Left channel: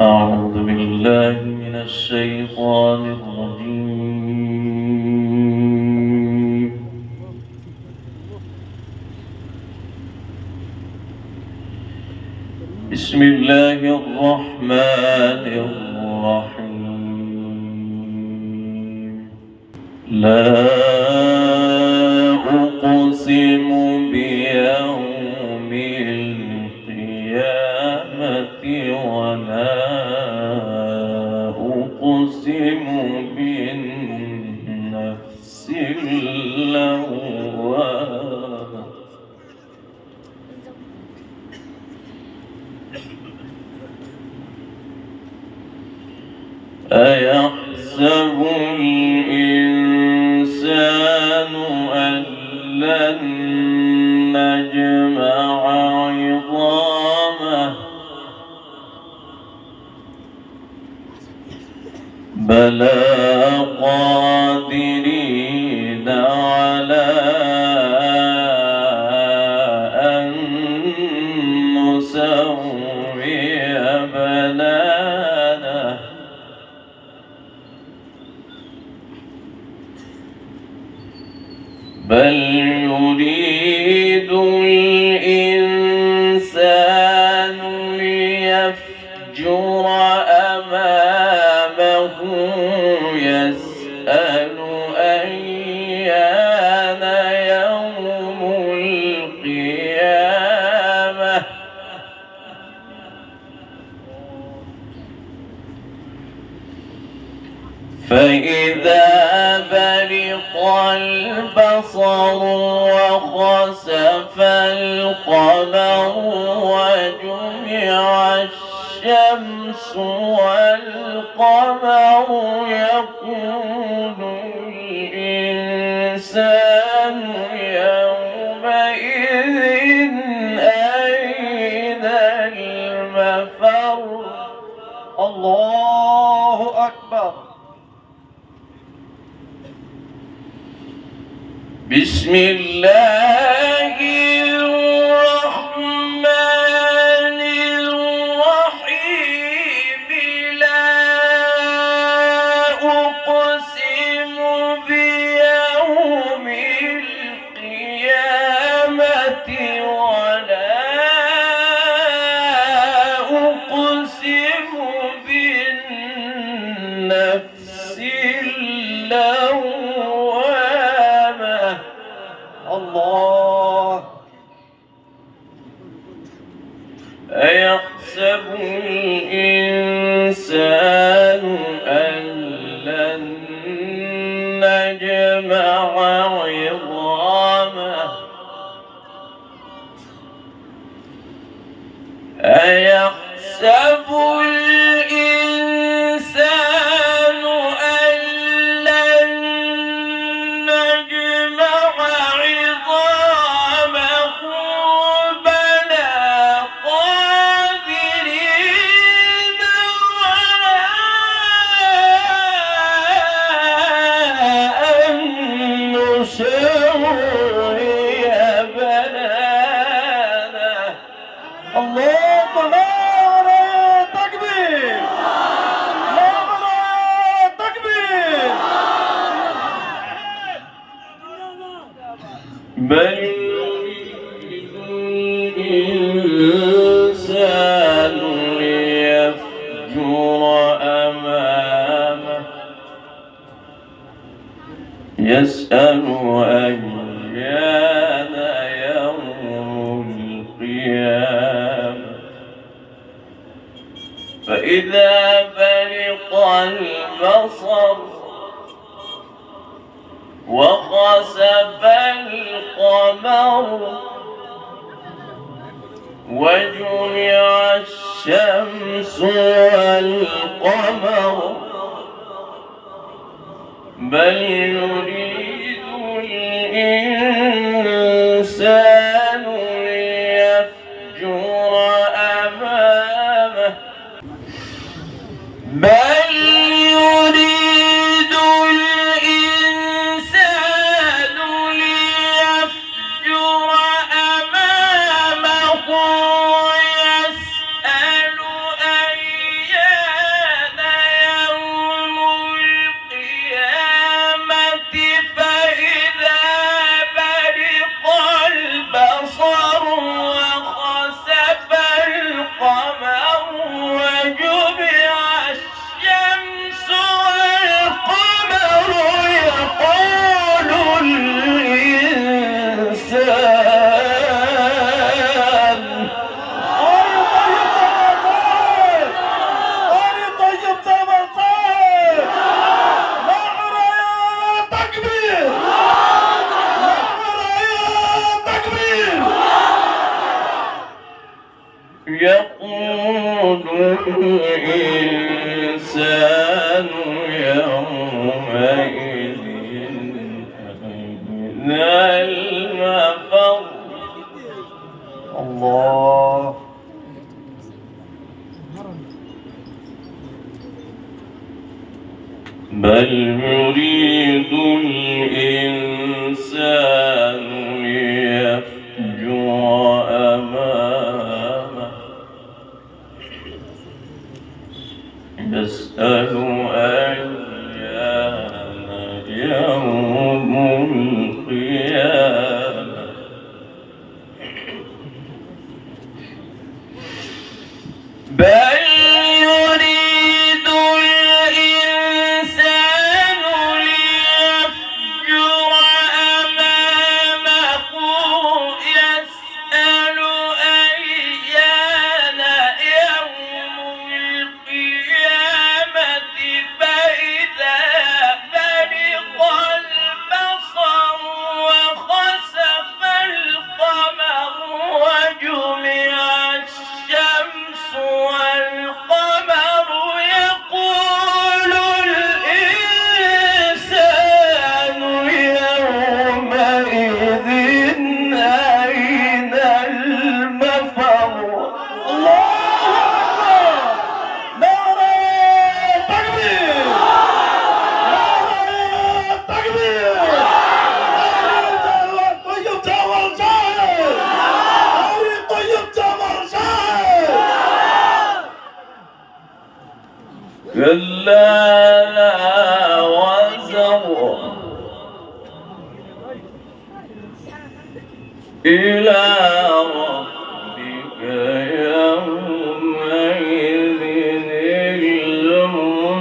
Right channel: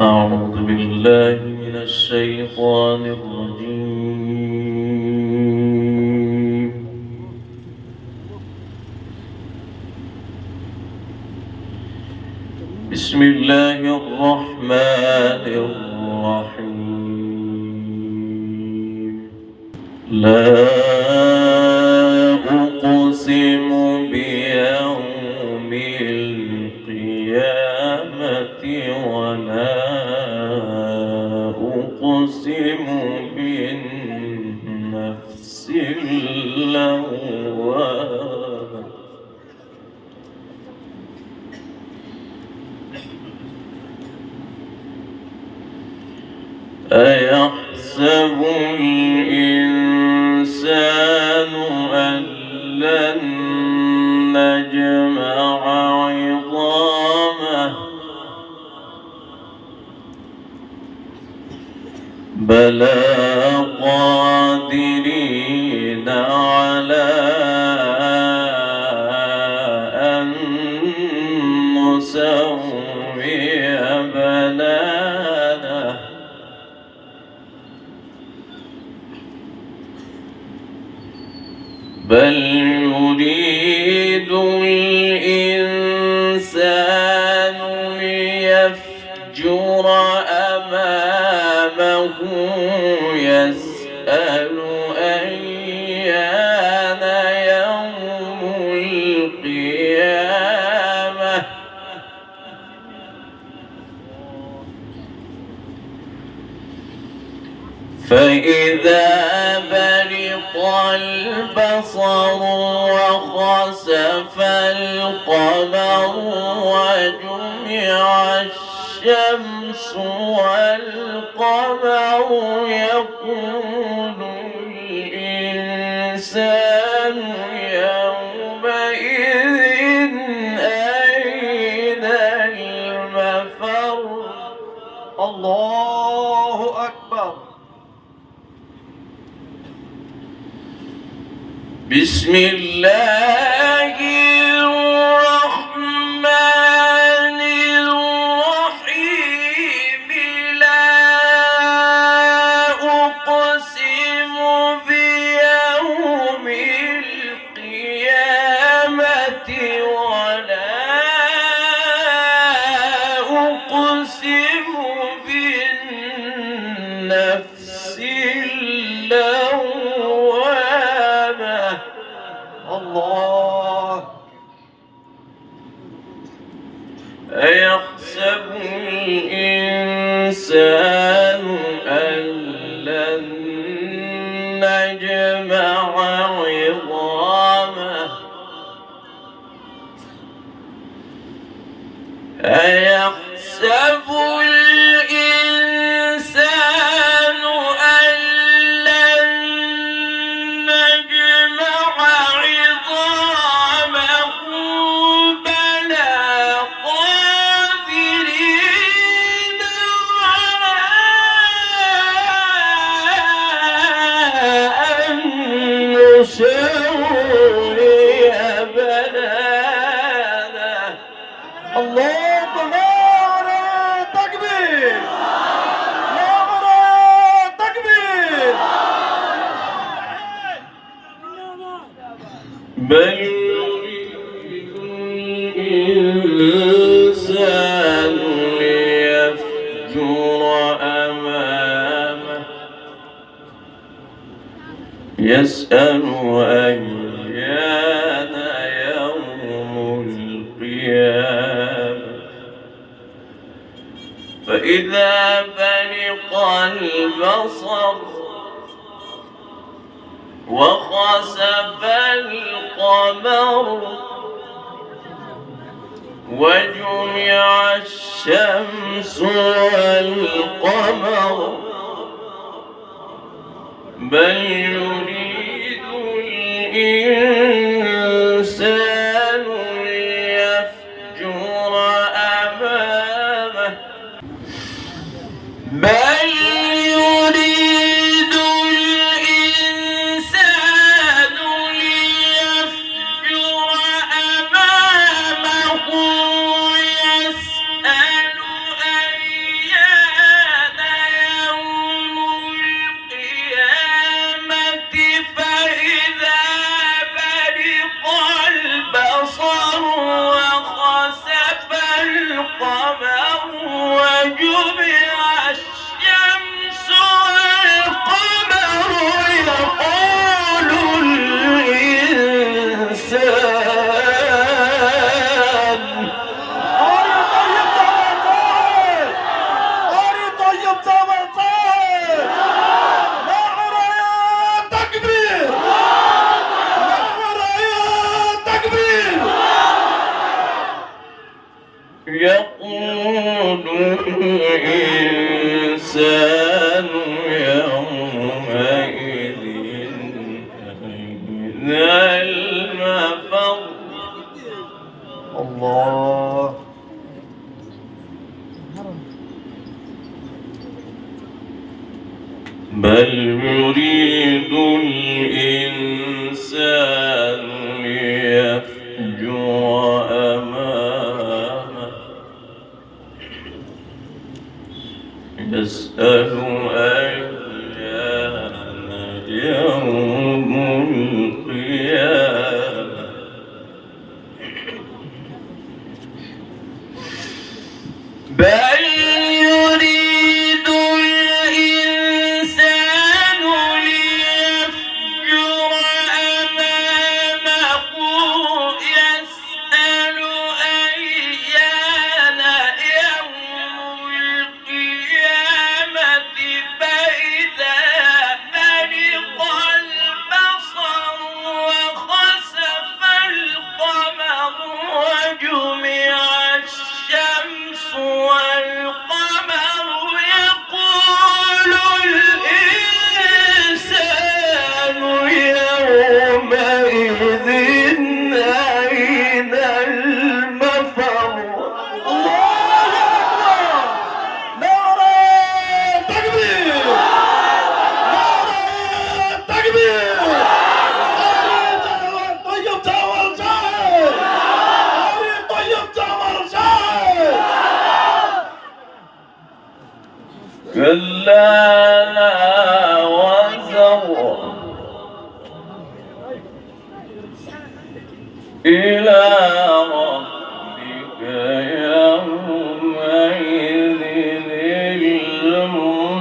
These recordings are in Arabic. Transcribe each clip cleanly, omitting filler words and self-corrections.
أعوذ بالله من الشيطان الرجيم. بسم الله الرحمن الرحيم. لا أقسم بيوم القيامة ولا أقسم بالنفس اللوامة. أيحسب الإنسان أن لن نجمع عظامه بلى قادرين على أن نسوي بنانه بل يريد الإنسان ليفجر أمامه يسأل أيان يوم القيامة فإذا برق البصر وخسف القمر وجمع الشمس والقمر يقول الإنسان يومئذ أين المفر. الله أكبر. بسم الله الرحمن الرحيم. لا أقسم بيوم القيامة ولا أقسم بالنفس اللوامة. الله. أيحسب الإنسان أن لن نجمع عظامه أيحسب الإنسان أن لن نجمع عظامه بلى قادرين على أن نسوي بنانه. الله نعرة تكبير، نعرة تكبير. بل يريد الإنسان ليفجر أمامه يسأل أيان يوم القيامة فإذا برق البصر وخسف القمر وجمع الشمس والقمر بل يريد الإنسان ليفجر أمامه بل يريد الإنسان ليفجر أمامه يسأل أيان وجمع الشمس والقمر يقول الإنسان قاري طيب زمن صاير نعرة يا تكبير نعرة يا تكبير يقول الإنسان يومئذ أين المفر الله بل يريد الإنسان ليفجر أمامه يسأل أيان يوم القيامة بل يريد الإنسان ليفجر أمامه يسأل أيان يوم القيامة فإذا برق البصر وخسف القمر وجمع الشمس والقمر يقول الإنسان يومئذ أين المفر الله أكبر نعرة تكبير نعرة تكبير قاري طيب زمن صاير قاري طيب زمن صاير كلا لا وزر إلى ربك يومئذ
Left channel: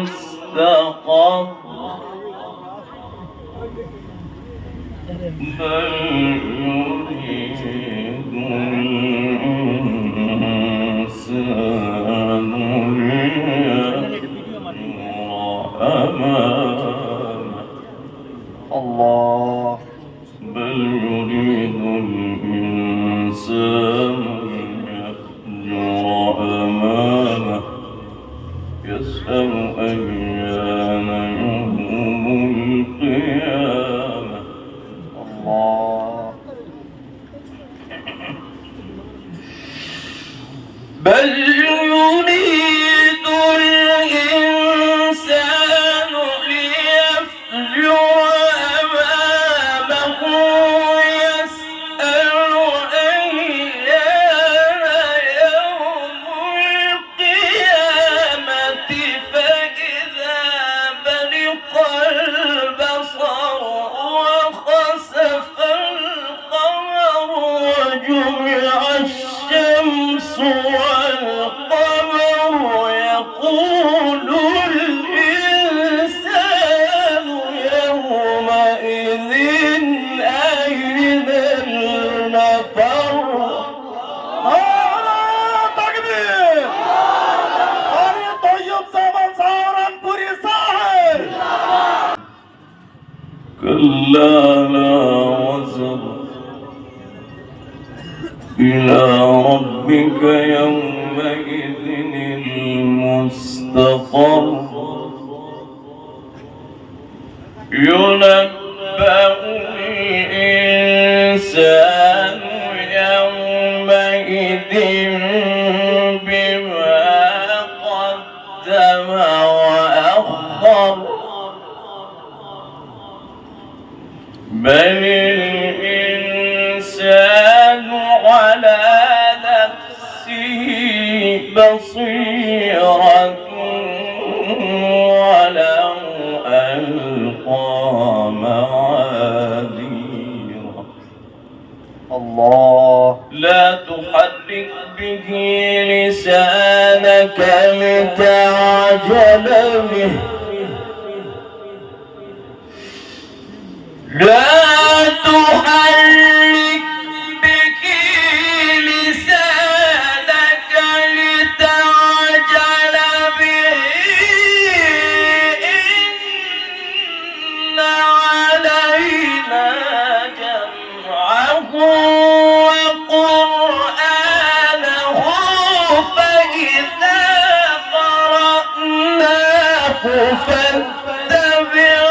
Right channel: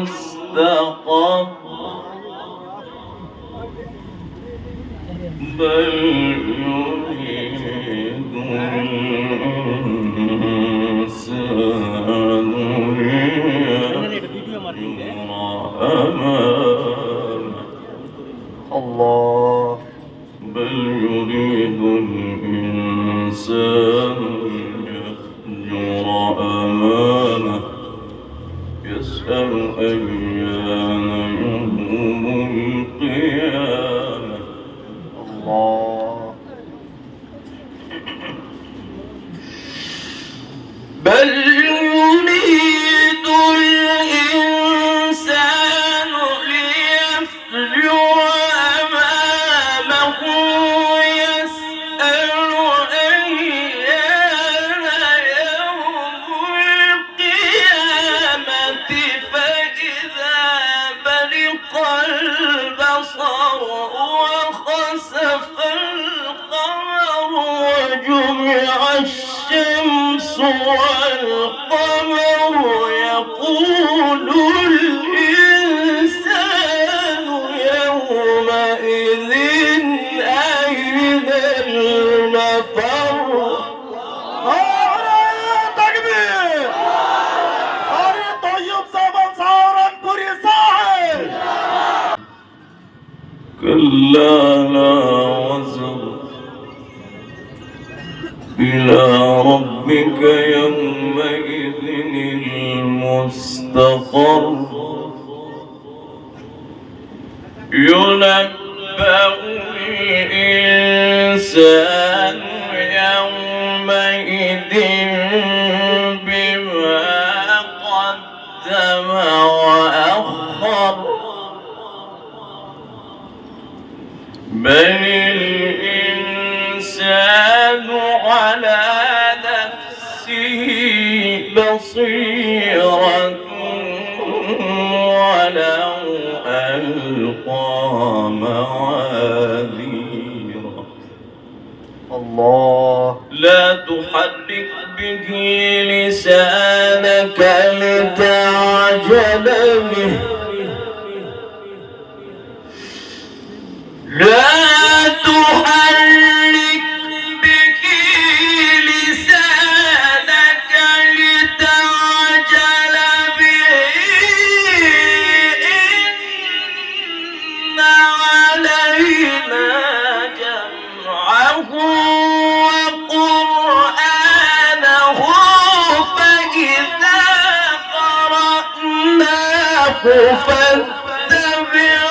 المستقر بل يريد الإنسان ليفجر أمامه الله بل يريد الإنسان ليفجر أمامه يسأل أيان يوم القيامة الله بل يريد الإنسان ليفجر أمامه يسأل أيان يوم القيامة فإذا برق البصر وخسف القمر وجمع الشمس والقمر يقول الإنسان يومئذ أين المفر نعرة تكبير قاري طيب زمن صار انبري صاحب كلا لا وزر إلى ربك يومئذ المستقر ينبأ الإنسان يومئذ بما قدم وأخر بل الإنسان على نفسه بصيرة ولو ألقى معاذيره الله لا تحرك به لسانك لسانك لتعجل به لا تحرك به لسانك لتعجل به إن علينا جمعه وقرآنه فإذا قرأناه فاتبع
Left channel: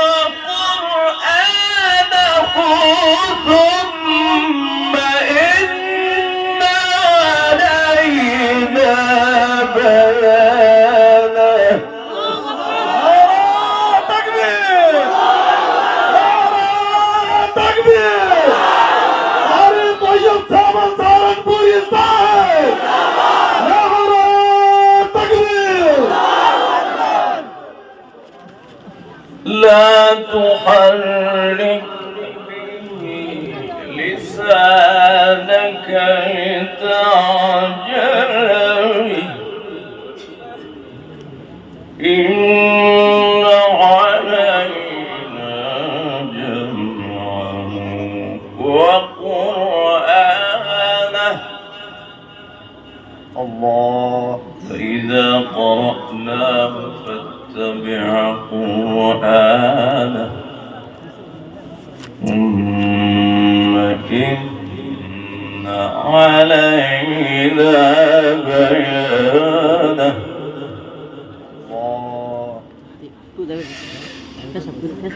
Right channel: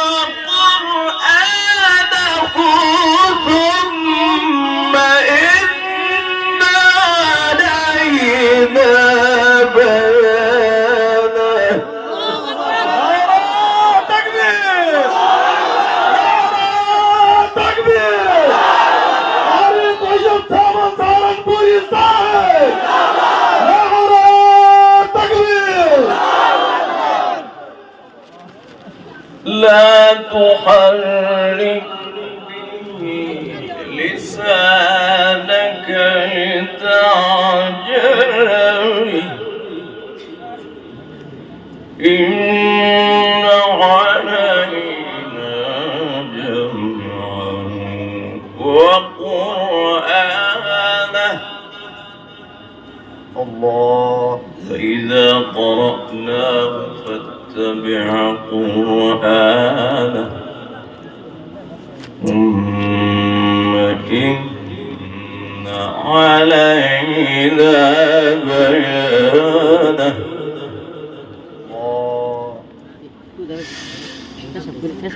قرآنه ثم إن علينا بيانه. تكبير! تكبير! علي طيب ثمن ثمن بوري صاحب! تكبير! لا تحرك به لسانك لتعجل به إن علينا جمعه وقرآنه الله فإذا قرأناه فاتبع قرآنه ثم إن علينا بيانه.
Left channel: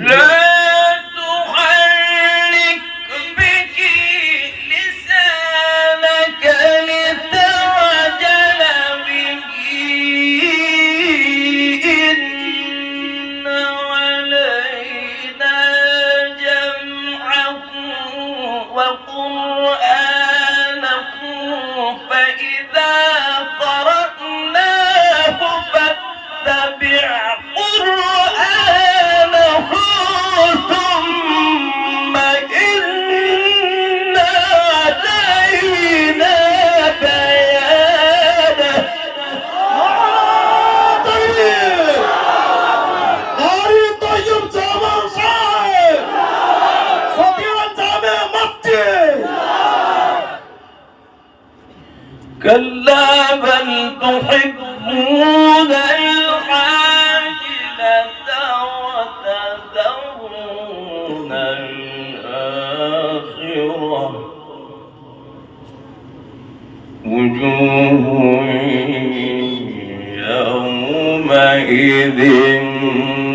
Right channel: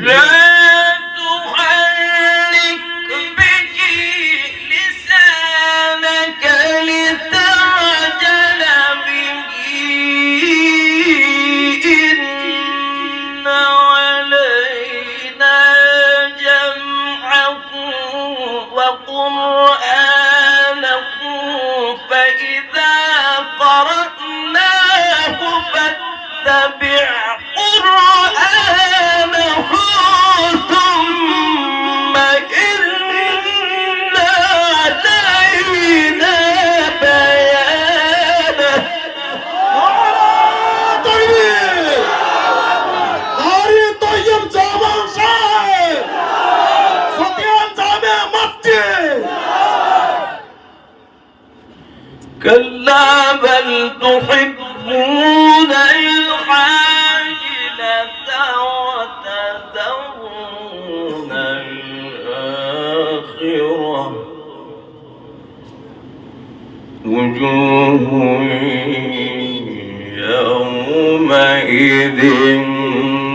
لا تحرك به لسانك لتعجل به إن علينا جمعه وقرآنه فإذا قرأناه فاتبع قرآنه ثم إن علينا بيانه. تكبير! علي طيب ثمن صاحب! فتيان جامع مسجد! كلا بل تحبون العاجلة وتذرون الآخرة وجوه يومئذ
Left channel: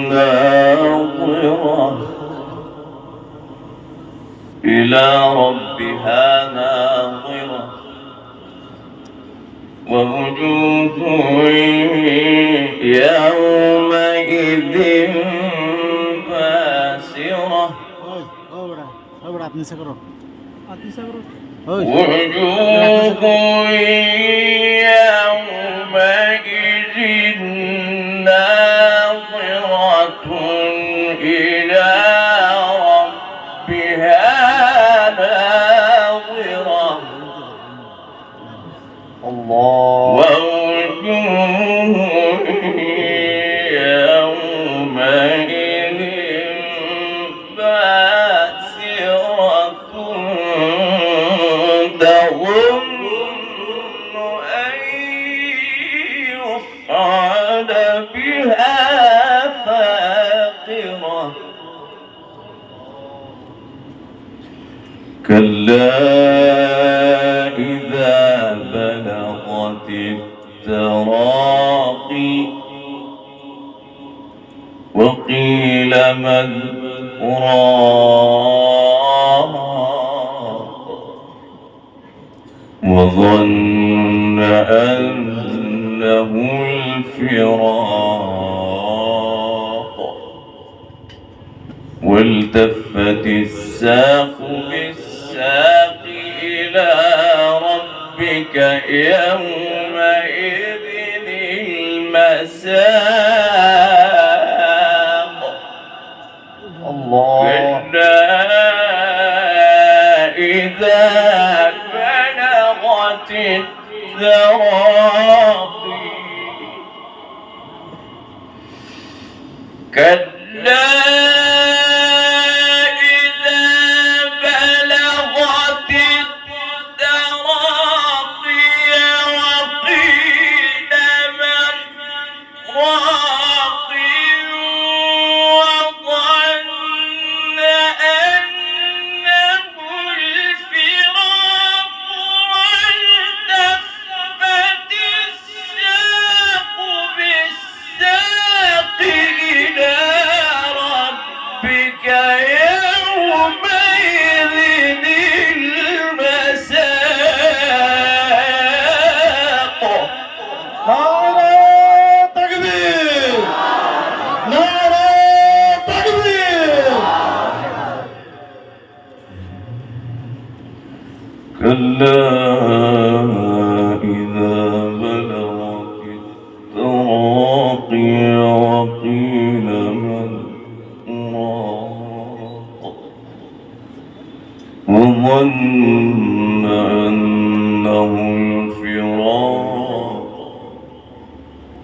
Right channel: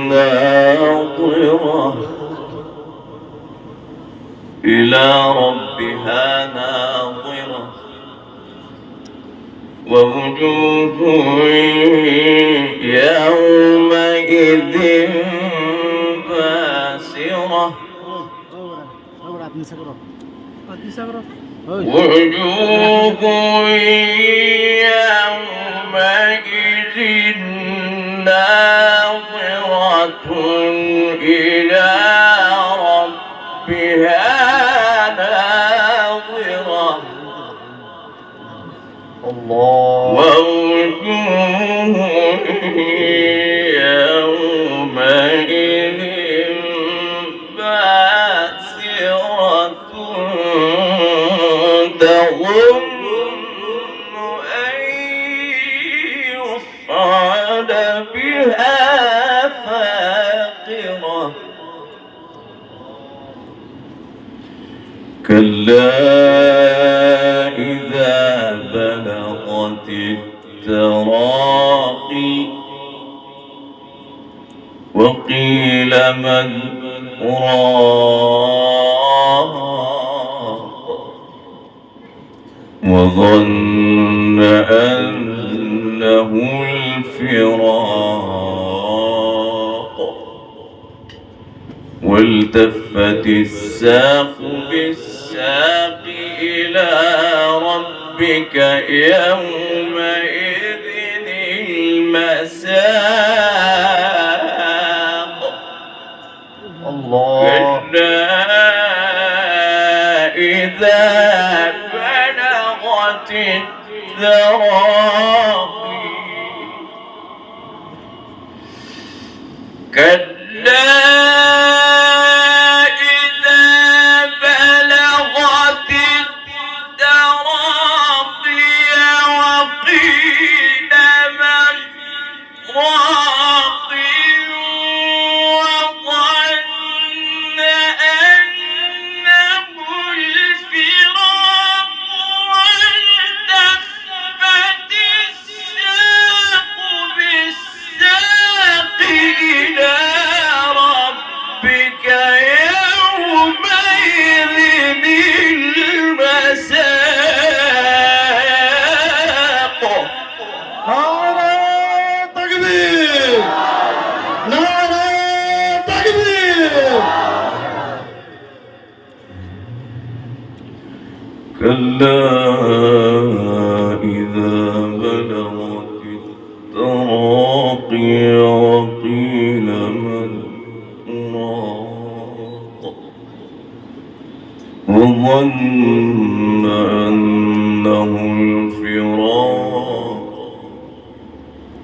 ناظرة إلى ربها ناظرة ووجوه يومئذ باسرة وجوه يومئذ ناظرة إلى ربها ناظرة ووجوه يومئذ باسرة تظن أن يفعل بها فاقرة كلا إذا بلغت التراقي وقيل من راق وظن أنه الفراق والتفت الساق بالساق إلى ربك يومئذ المساق كلا إذا بلغت التراقي كلا إذا بلغت التراقي وقيل من راق وظن أنه الفراق والتفت الساق بالساق إلى ربك يومئذ المساق. نعرة تكبير، نعرة تكبير. كلا إذا بلغت التراقي وقيل من راق وظن أنه الفراق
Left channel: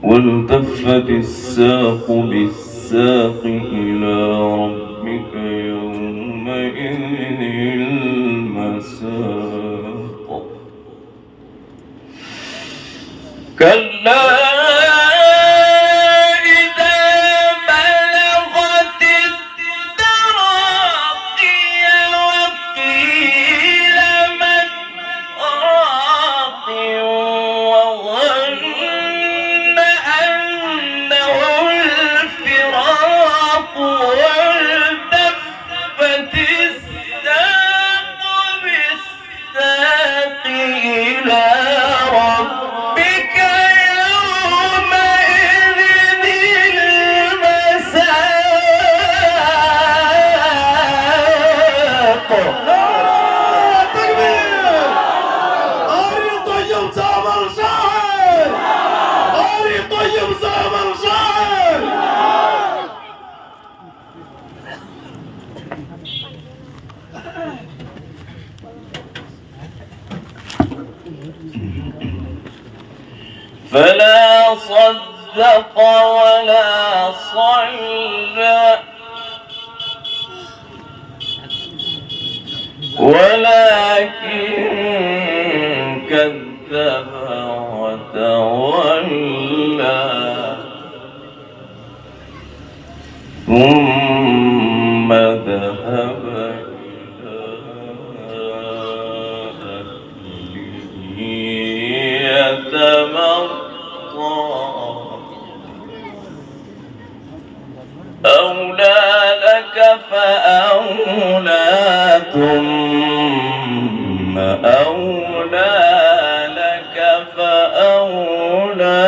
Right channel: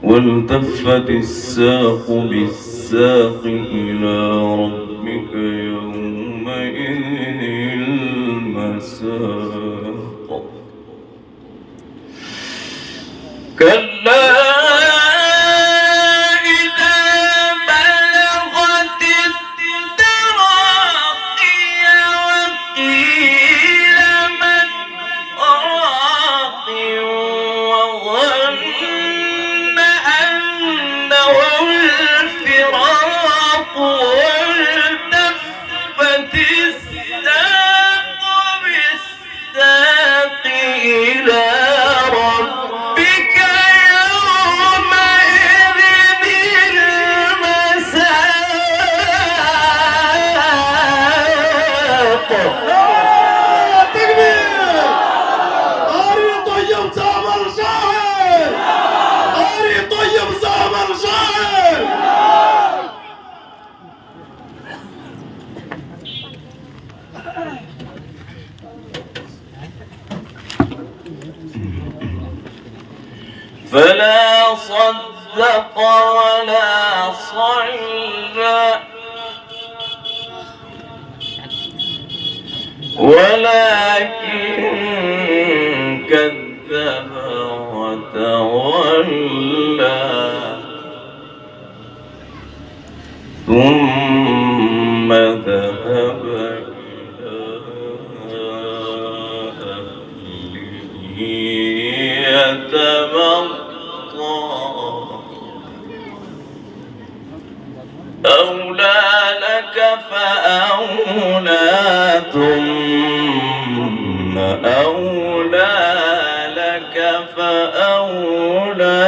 والتفت الساق بالساق إلى ربك يومئذ المساق. كلا إذا بلغت التراقي وقيل من راق وظن أنه الفراق والتفت الساق بالساق إلى ربك يومئذ المساق. نعرة تكبير. أري طيب زمر شاعر، أري طيب زمر شاعر. فلا صدق ولا صلى ولكن كذب وتولى ثم ذهب إلى أهله يتمطى أولى لك فأولى ثم أولى لك فأولى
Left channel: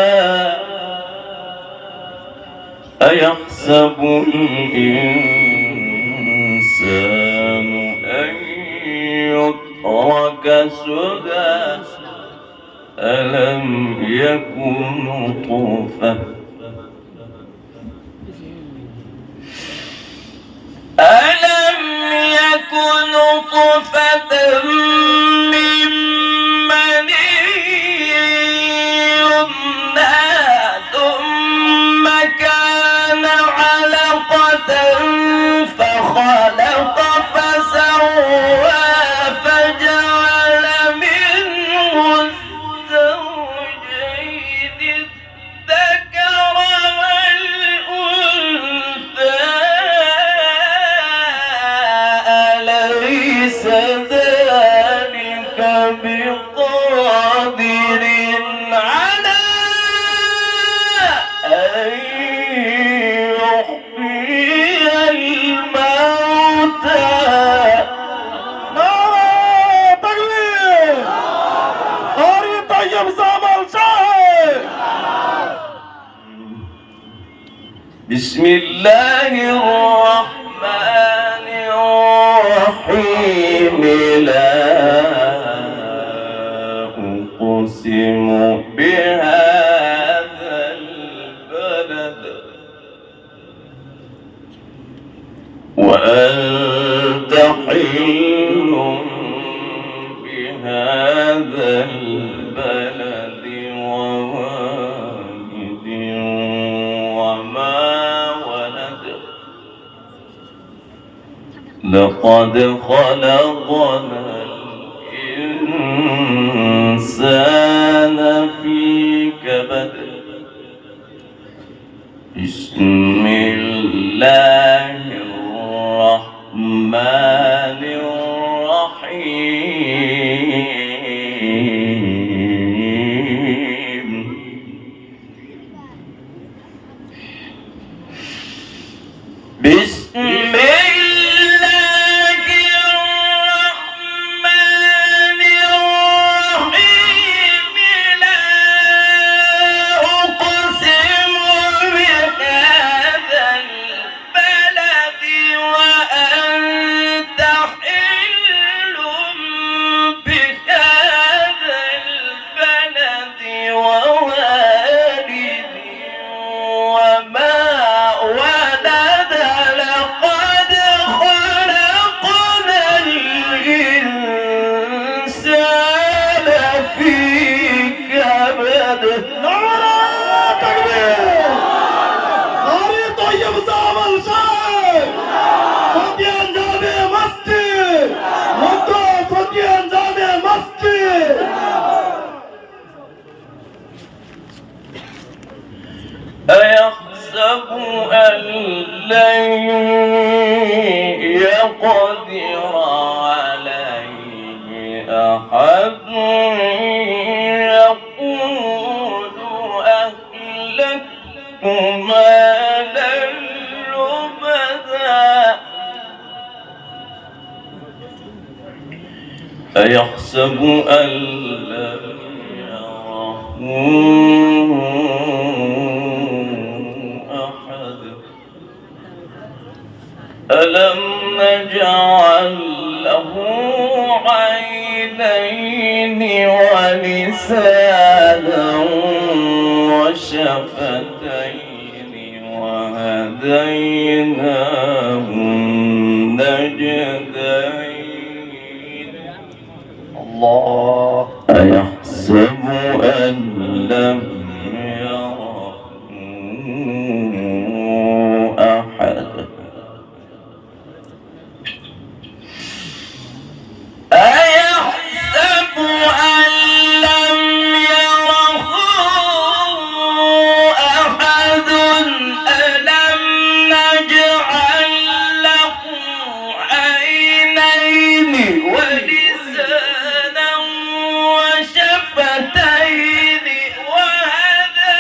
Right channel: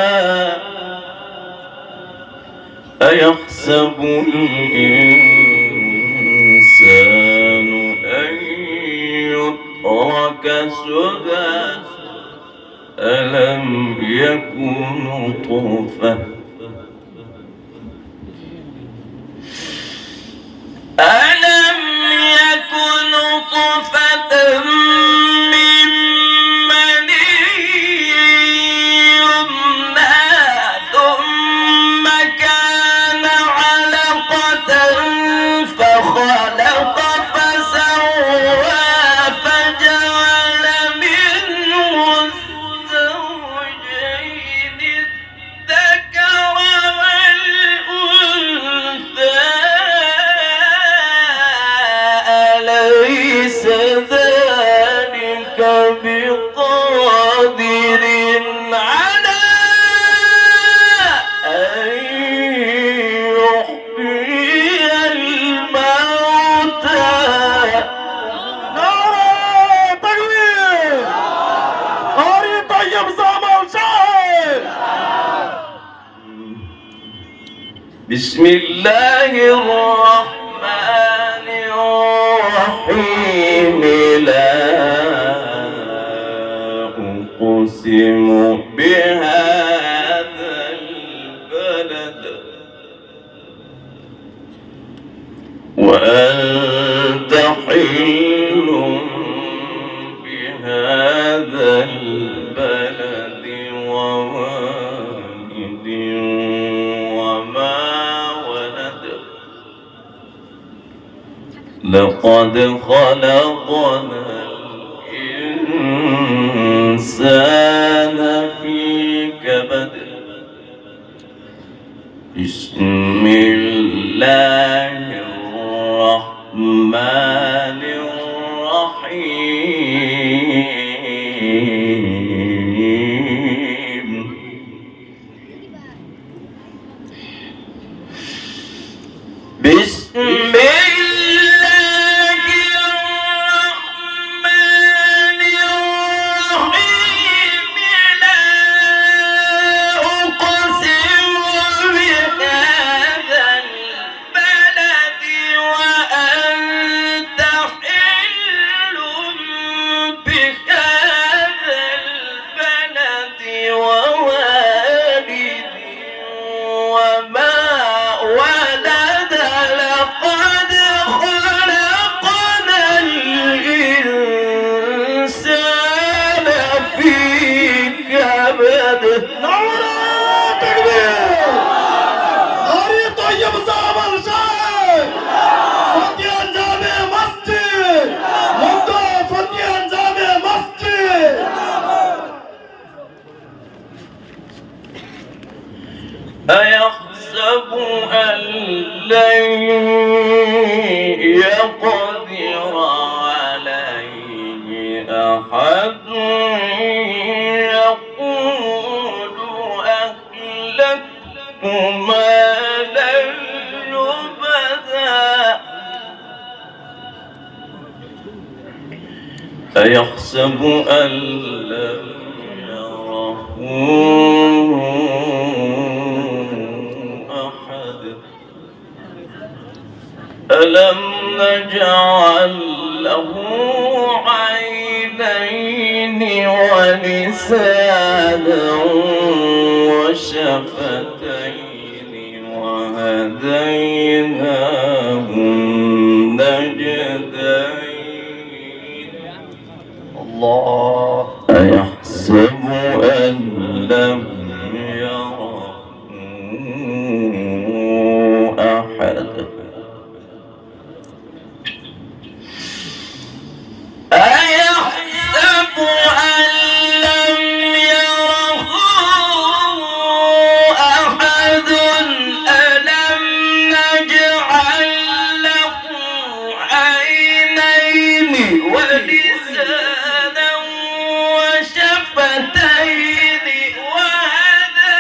أيحسب الإنسان أن يترك سدى ألم يكن نطفة من مني يمنى ثم كان علقة فخلق فسوى فجعل منه الزوجين الذكر والأنثى أليس ذلك بقادر على أن يحيي الموتى. نعرة تكبير. أري طيب زمر شاعر. بسم الله الرحمن الرحيم لا أقسم بهذا البلد وأنت حل بهذا البلد ووالد وما ولد لقد خلقنا الإنسان في كبد. بسم الله الرحمن الرحيم. بسم الله الرحمن الرحيم. لا أقسم بهذا البلد وأنت حل بهذا البلد ووالد وما ولد. لقد خلقنا الإنسان في كبد. نعرة تكبير. ناري طيب زعمل شاي. فتيان جامع مسجد. منطقة فتيان جامع مسجد. أيحسب أن لن يقدر عليه أحد. يقول أهلكت مالا لبدا. أيحسب أن لم يره أحد. ألم نجعل له عينين ولسانا وشفتين وهديناه النجدين. الله. أيحسب أن لم يره أحد. أيحسب أن لم يره أحد. ألم نجعل له عينين ولسانا وشفتين وهديناه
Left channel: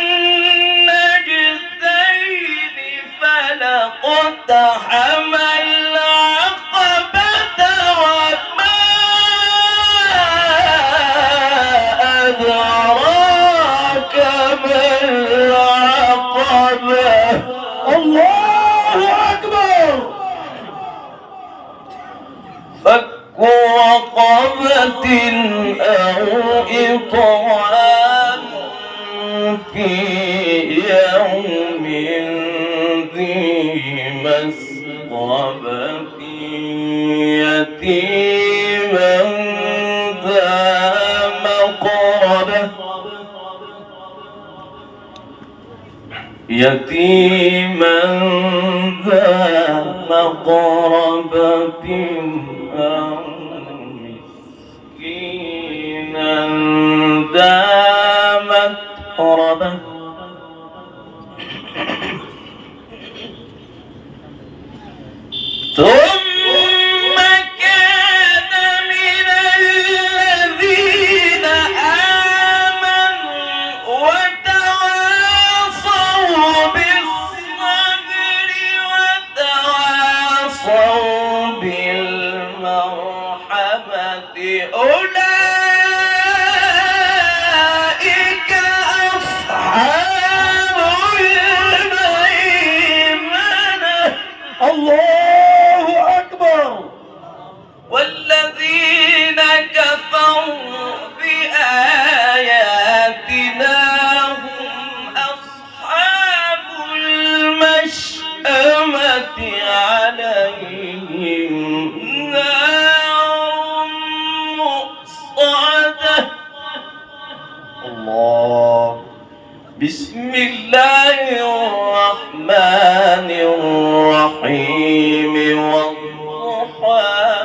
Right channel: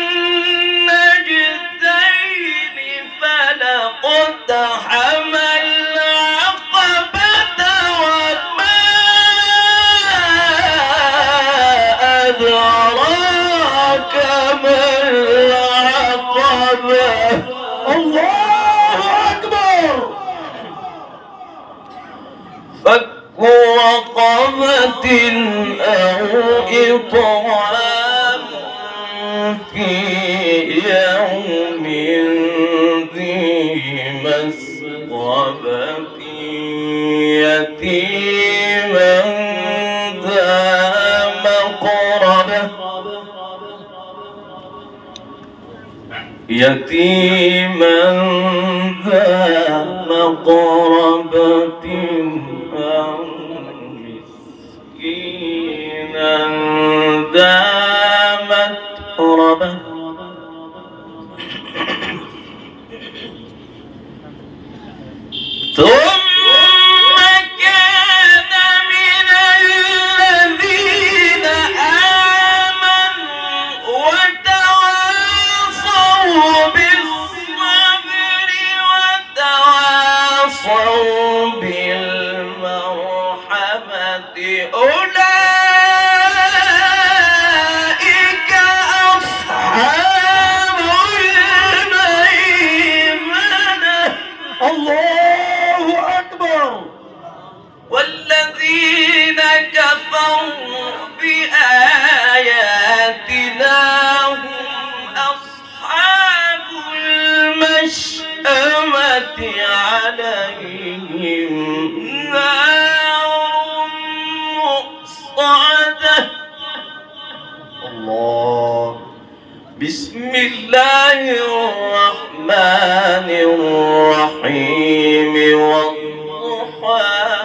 النجدين. فلاقتحم العقبة وما أدراك ما العقبة. الله أكبر. فك رقبة أو إطعام في يوم ذي مسغبة. يتيما ذا مقربة. يتيما ذا مقربة أو مسكينا ذا متربة. ثم كان من الذين آمنوا وتواصوا بالصبر وتواصوا بالمرحمة. أولئك أصحاب الميمنة. الله أكبر. والذين كفروا بآياتنا هم أصحاب المشأمة. عليهم نار مؤصدة. الله. بسم الله الرحمن الرحيم. الرحيم والضحى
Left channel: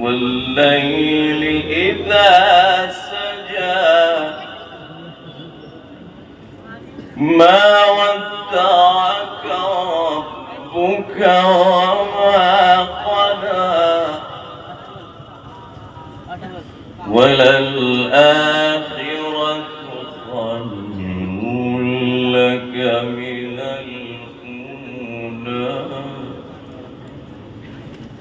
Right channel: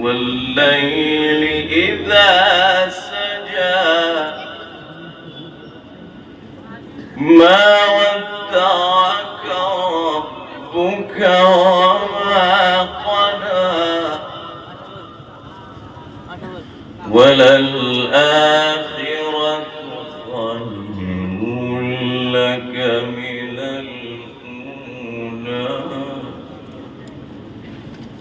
والليل إذا سجى ما ودعك ربك وما قلى وللآخرة خير لك من الأولى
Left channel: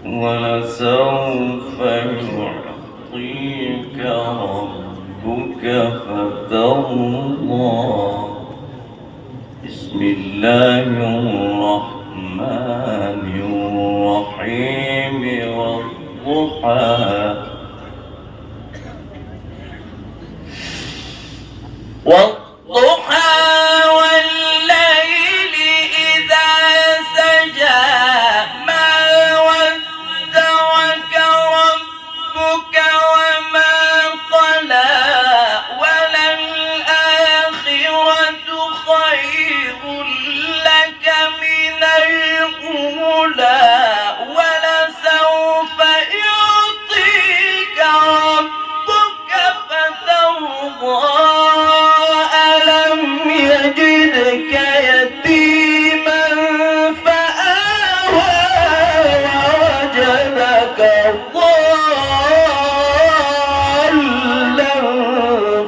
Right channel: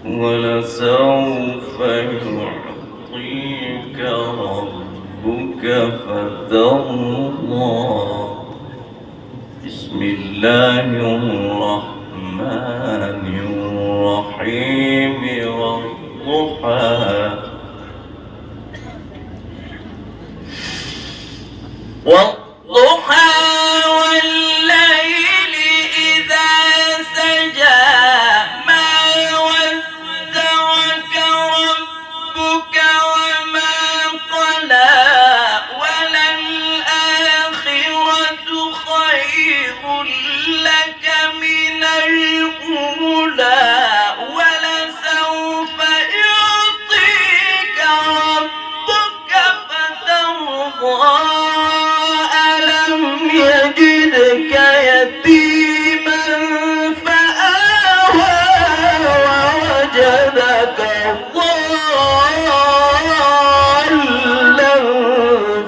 ولسوف يعطيك ربك فترضى بسم الله الرحمن الرحيم والضحى والضحى والليل إذا سجى ما ودعك ربك وما قلى وللآخرة خير لك من الأولى ولسوف يعطيك ربك فترضى يتيما فآوى ووجدك ضالا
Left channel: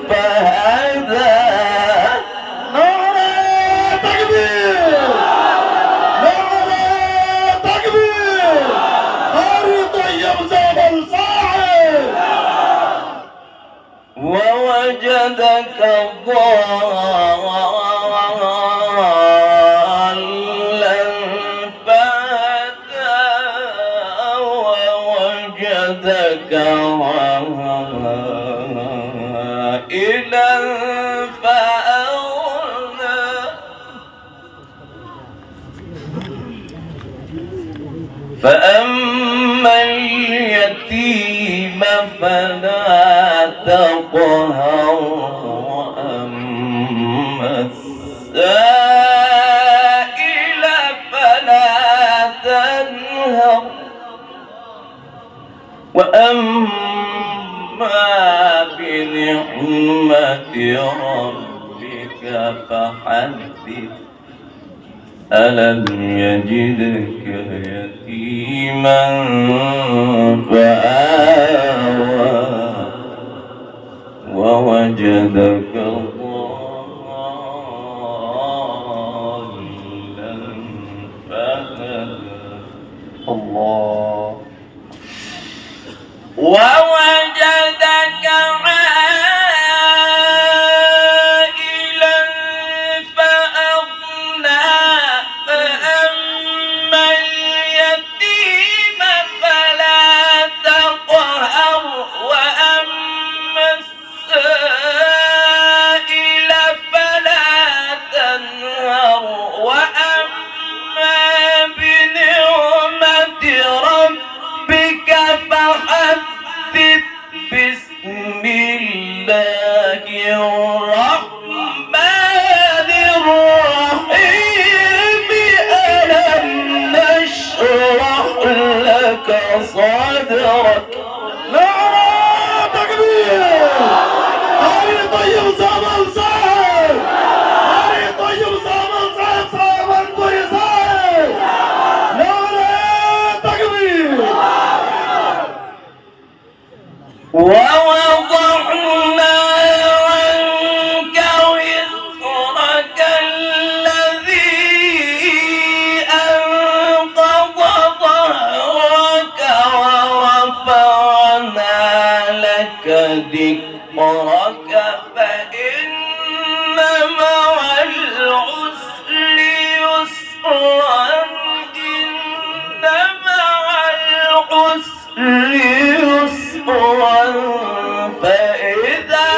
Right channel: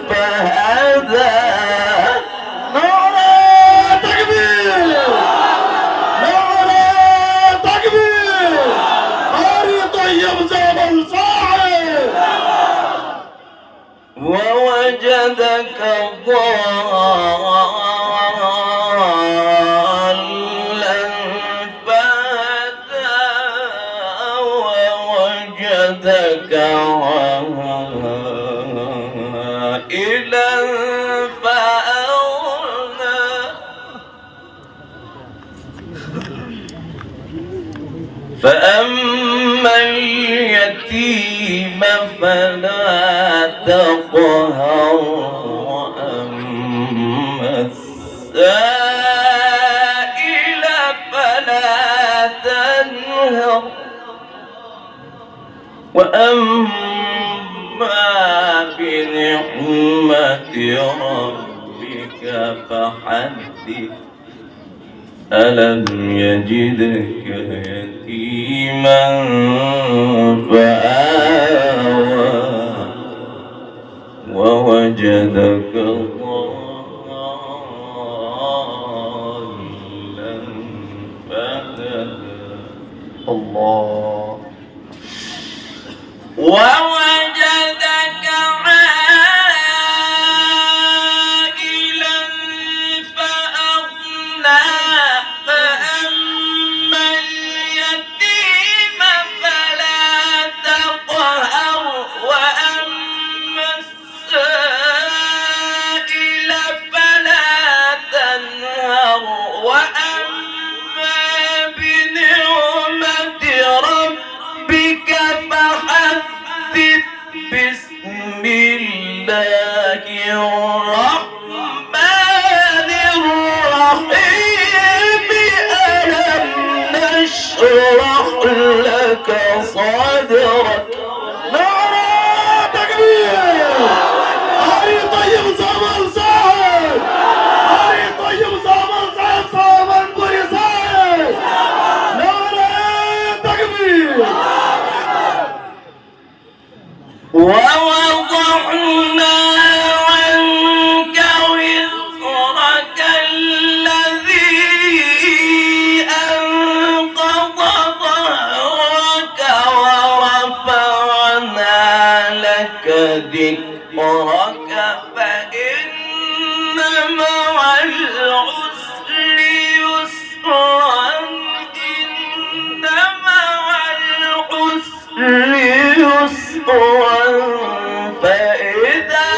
فهدى نعرة تكبير نعرة تكبير هاري طيب جبل صاعد ووجدك ضالا ووجدك عائلا فأغنى فأما اليتيم فلا تقهر وأما السائل فلا تنهر وأما بنعمة ربك فحدث ألم يجدك يتيما فآوى ووجدك ضالا فهدى الله ووجدك عائلا فأغنى فأما اليتيم فلا تقهر وأما السائل فلا تنهر وأما بنعمة ربك فحدث بسم الله الرحمن الرحيم ألم نشرح لك صدرك نعرة تكبير هاري طيب زمن صاعد هاري طيب زمن صاعد صامن بوي صاعد نعرة تكبير ووضعنا عنك وزرك الذي أنقض ظهرك ورفعنا لك ذكرك فإن مع العسر يسرا إن مع العسر يسرا فإذا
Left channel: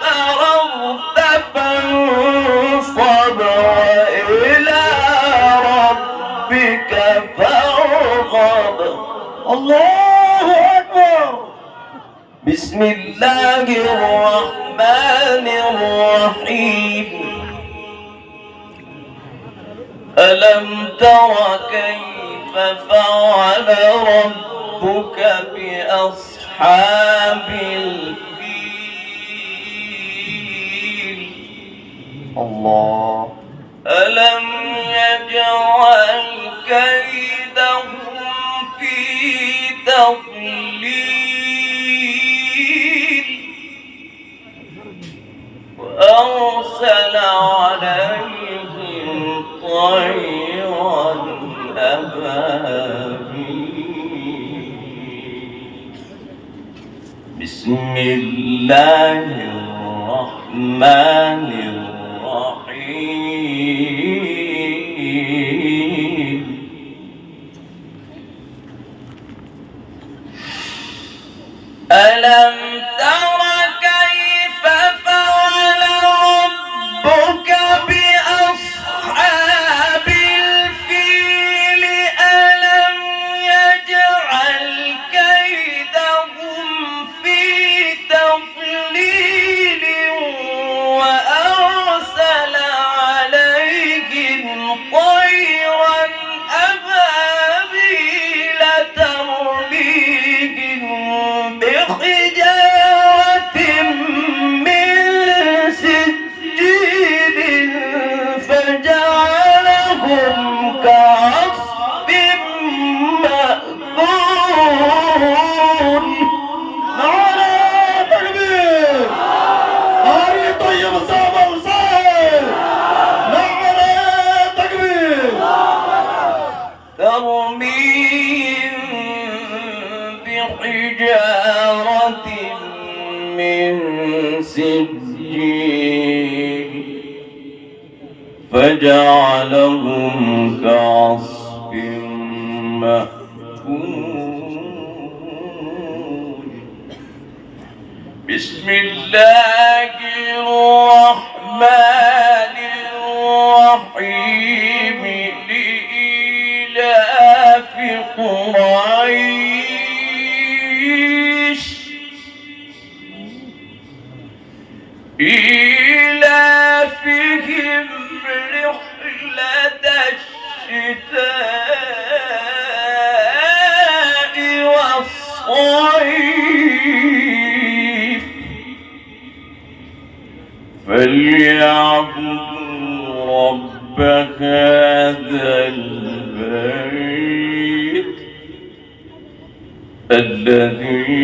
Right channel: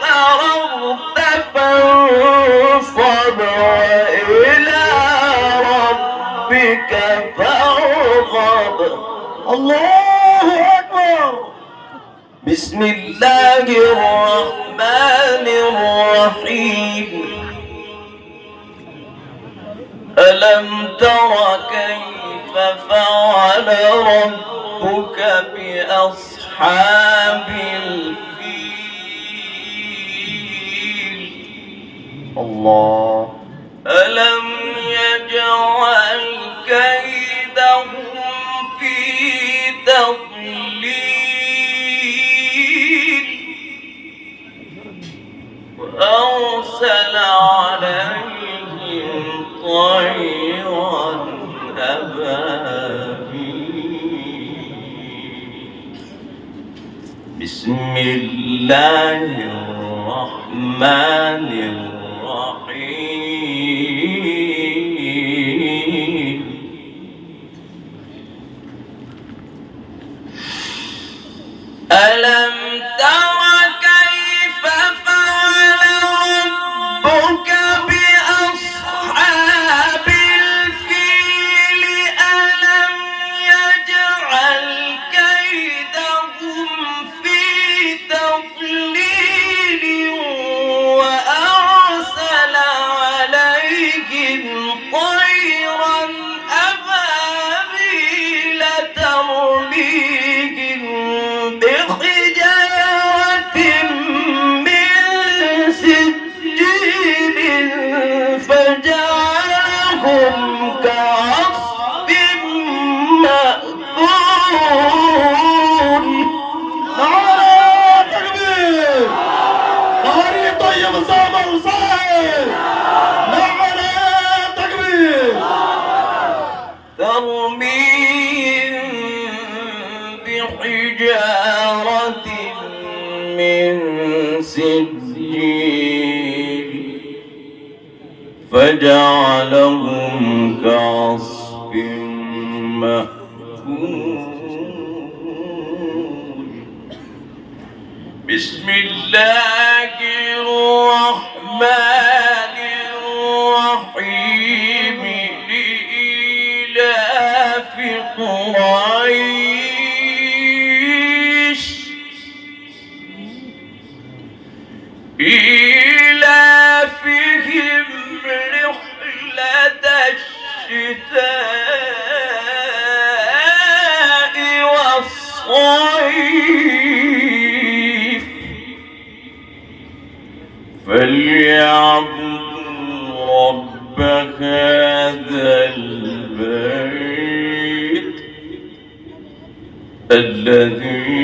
فرغت فانصب وإلى ربك فارغب الله أكبر بسم الله الرحمن الرحيم ألم تر كيف فعل ربك بأصحاب الفيل الله ألم يجعل كيدهم في تضليل وأرسل عليهم طيرا أبابيل بسم الله الرحمن الرحيم ألم تر كيف فعل ربك بأصحاب الفيل ألم يجعل كيدهم في تضليل وأرسل عليهم طيرا أبابيل ترميهم بحجارة من سجيل فجعلهم كعصف مأكول نعرة تكبير ناري طيب سامر صاحب نعرة تكبير ترميهم بحجارة من سجيل فجعلهم كعصف مأكول بسم الله الرحمن الرحيم لإيلاف قريش إيلافهم رحلة الشتاء والصيف فليعبدوا رب هذا البيت الذي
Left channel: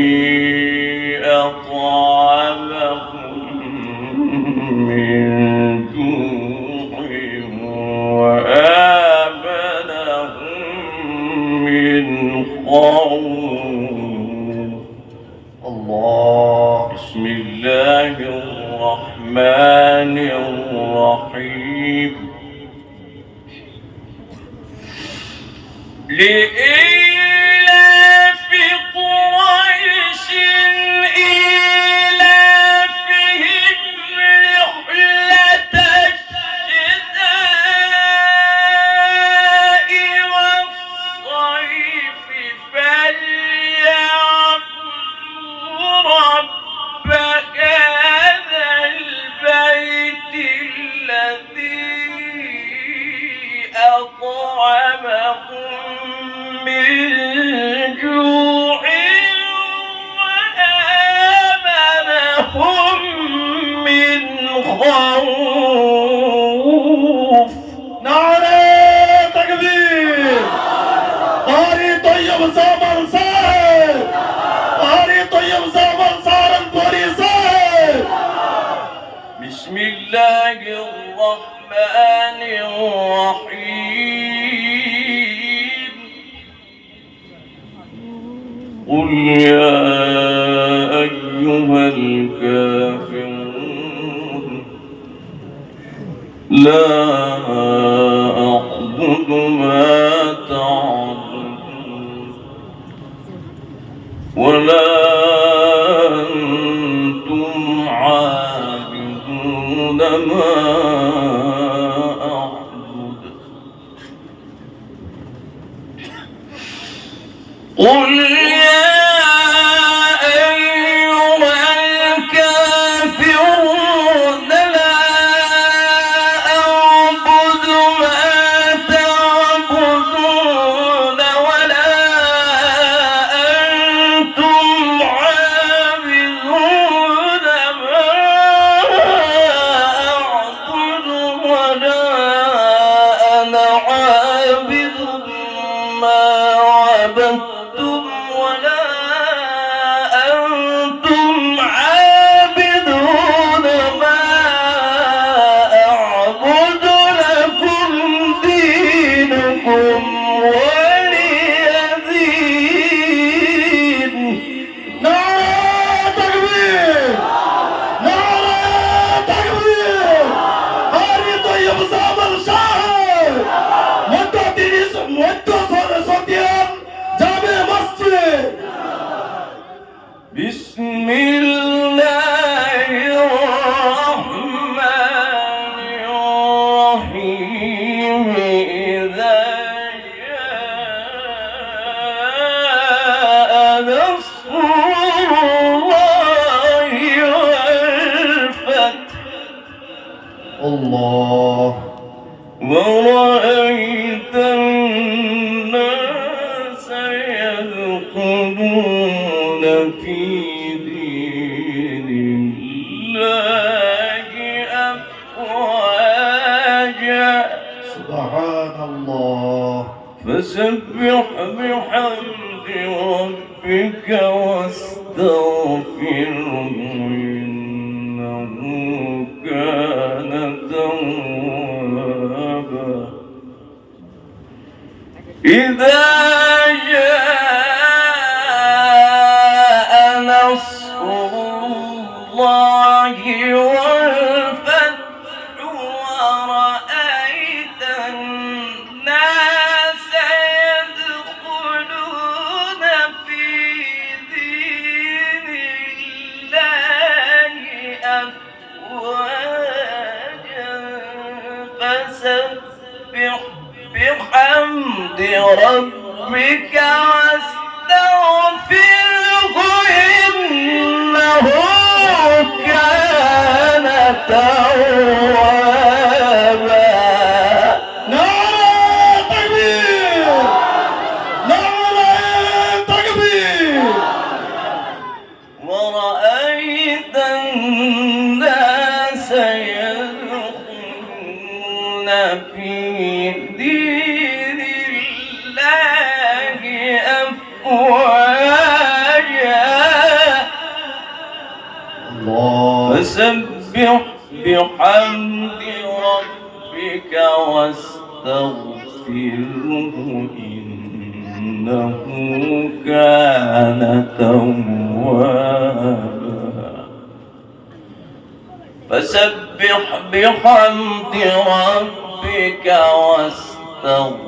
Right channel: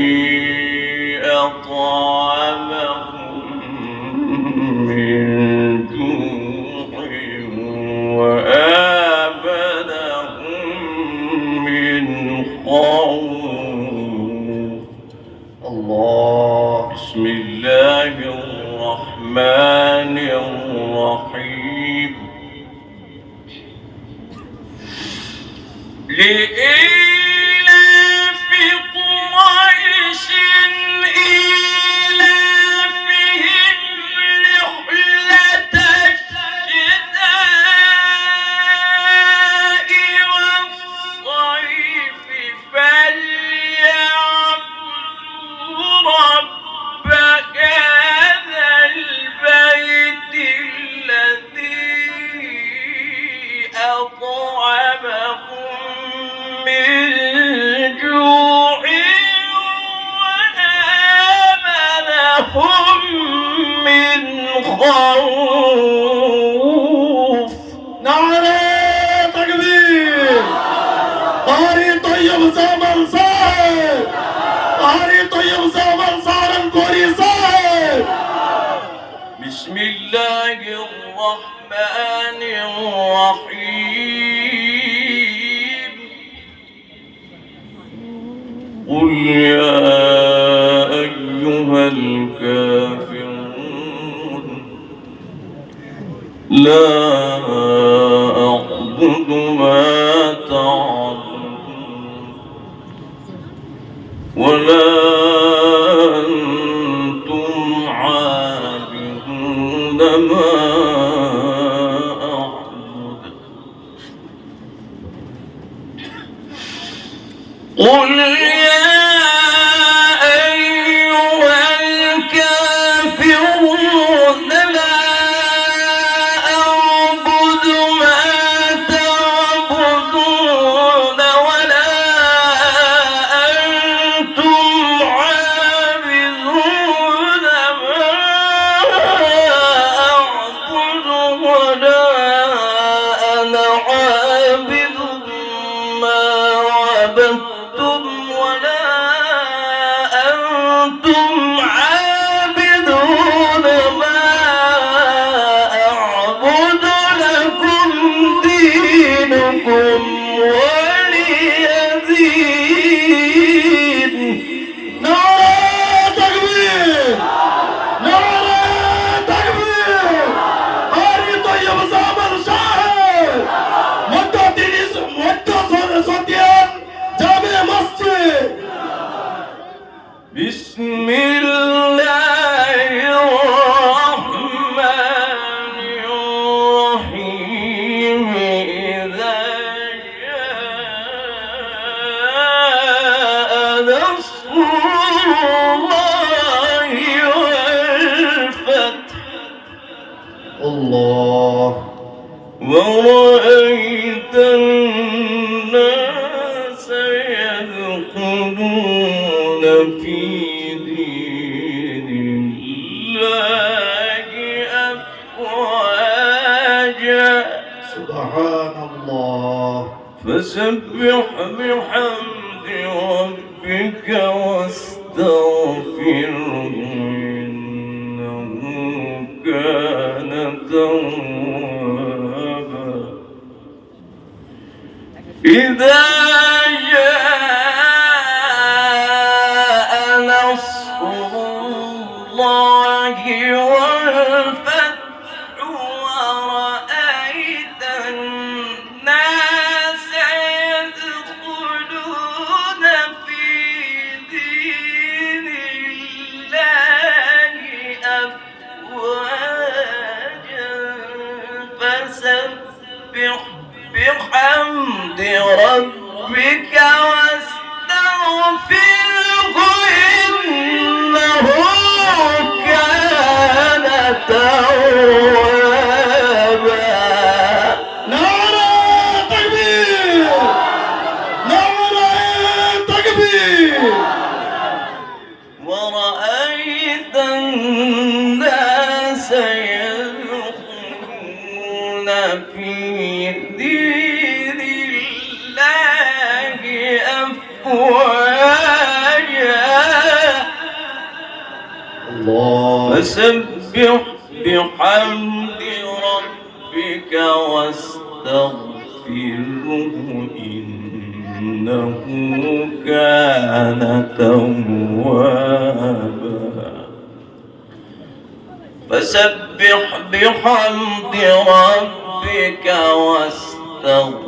أطعمهم من جوع وآمنهم من خوف الله بسم الله الرحمن الرحيم لإيلاف قريش إيلافهم رحلة الشتاء والصيف فليعبدوا رب هذا البيت الذي أطعمهم من جوع وآمنهم من خوف نعرة تكبير قاري طيب سامر صاحب قاري طيب سامر صارم كوري صاحب بسم الله الرحمن الرحيم قل يا أيها الكافرون لا أعبد ما تعبدون ولا أنتم عابدون ما أعبد قل يا أيها الكافرون لا أعبد ما الله. ورأيت الناس يدخلون في دين الله أفواجا سبحان الله. فسبح بحمد ربك واستغفره إنه كان توابا. إذا جاء نصر الله والفتح ورأيت الناس يدخلون في دين الله أفواجا فسبح بحمد ربك واستغفره إنه كان توابا. نعرة تكبير، نعرة تكبير. ورأيت الناس يدخلون في دين الله أفواجا الله. فسبح بحمد ربك واستغفره إنه كان توابا. فسبح بحمد ربك واستغفره